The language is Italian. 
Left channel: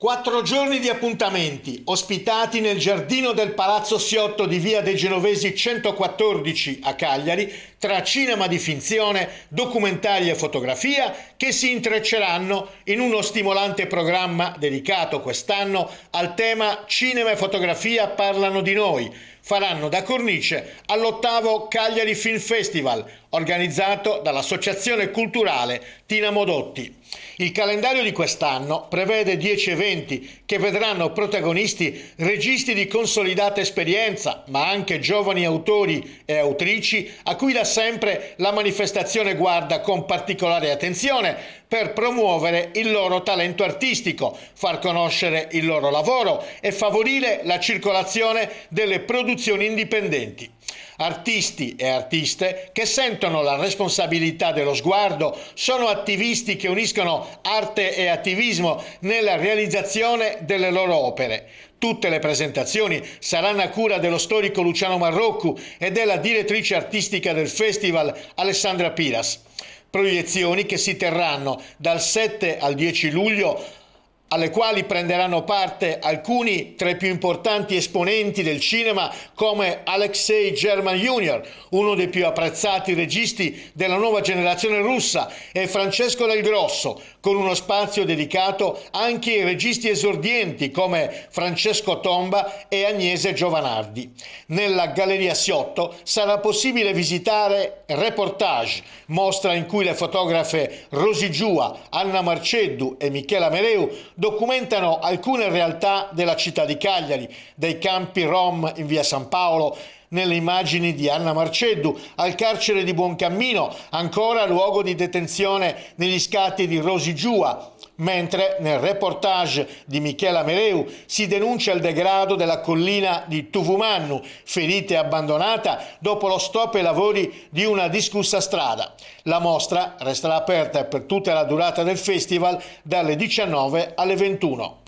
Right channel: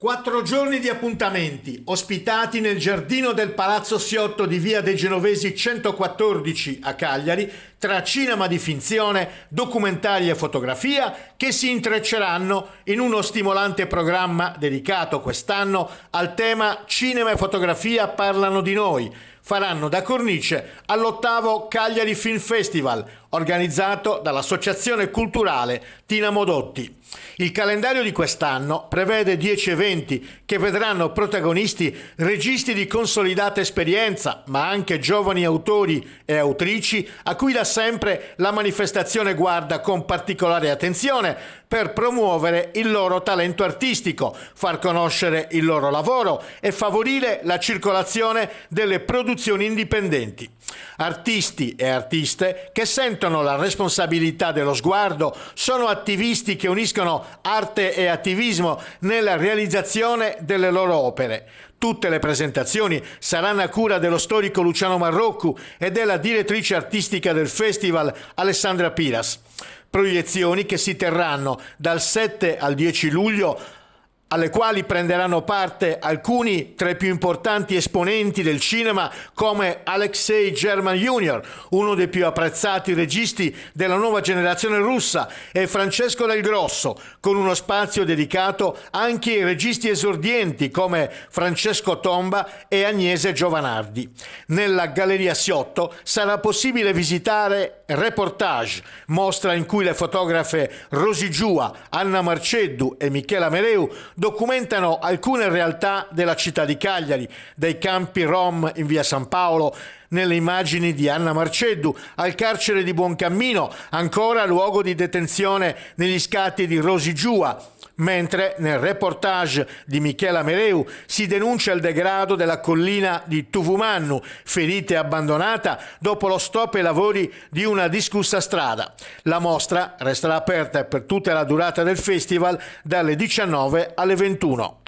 4 giorni di appuntamenti, ospitati nel giardino del Palazzo Siotto di Via dei Genovesi 114 a Cagliari, tra cinema di finzione, documentari e fotografia che si intrecceranno in uno stimolante programma dedicato quest'anno al tema Cinema e fotografia parlano di noi. Faranno da cornice all'8° Cagliari Film Festival, organizzato dall'Associazione Culturale Tina Modotti. Il calendario di quest'anno prevede 10 eventi che vedranno protagonisti registi di consolidata esperienza, ma anche giovani autori e autrici a cui da sempre la manifestazione guarda con particolare attenzione per promuovere il loro talento artistico, far conoscere il loro lavoro e favorire la circolazione delle produzioni indipendenti. Artisti e artiste che sentono la responsabilità dello sguardo, sono attivisti che uniscono arte e attivismo nella realizzazione delle loro opere. Tutte le presentazioni saranno a cura dello storico Luciano Marroccu e della direttrice artistica del festival Alessandra Piras. Proiezioni che si terranno dal 7 al 10 luglio, alle quali prenderanno parte alcuni tra i più importanti esponenti del cinema come Alexei German Jr., uno dei più apprezzati registi della nuova generazione russa, e Francesco Del Grosso, con uno spazio dedicato anche ai registi esordienti come Francesco Tomba e Agnese Giovanardi. Nella Galleria Siotto sarà possibile visitare Reportage, mostra in cui le fotografe Rosy Giua, Anna Marceddu e Michela Mereu documentano alcune realtà della città di Cagliari, dai campi Rom in via San Paolo, nelle immagini di Anna Marceddu, al carcere di Buoncammino, ancora luogo di detenzione negli scatti di Rosy Giua, mentre nel reportage di Michela Mereu si denuncia il degrado della collina di Tuvumannu, ferita e abbandonata dopo lo stop ai lavori di una discussa strada. La mostra resterà aperta per tutta la durata del festival dalle 19 alle 21.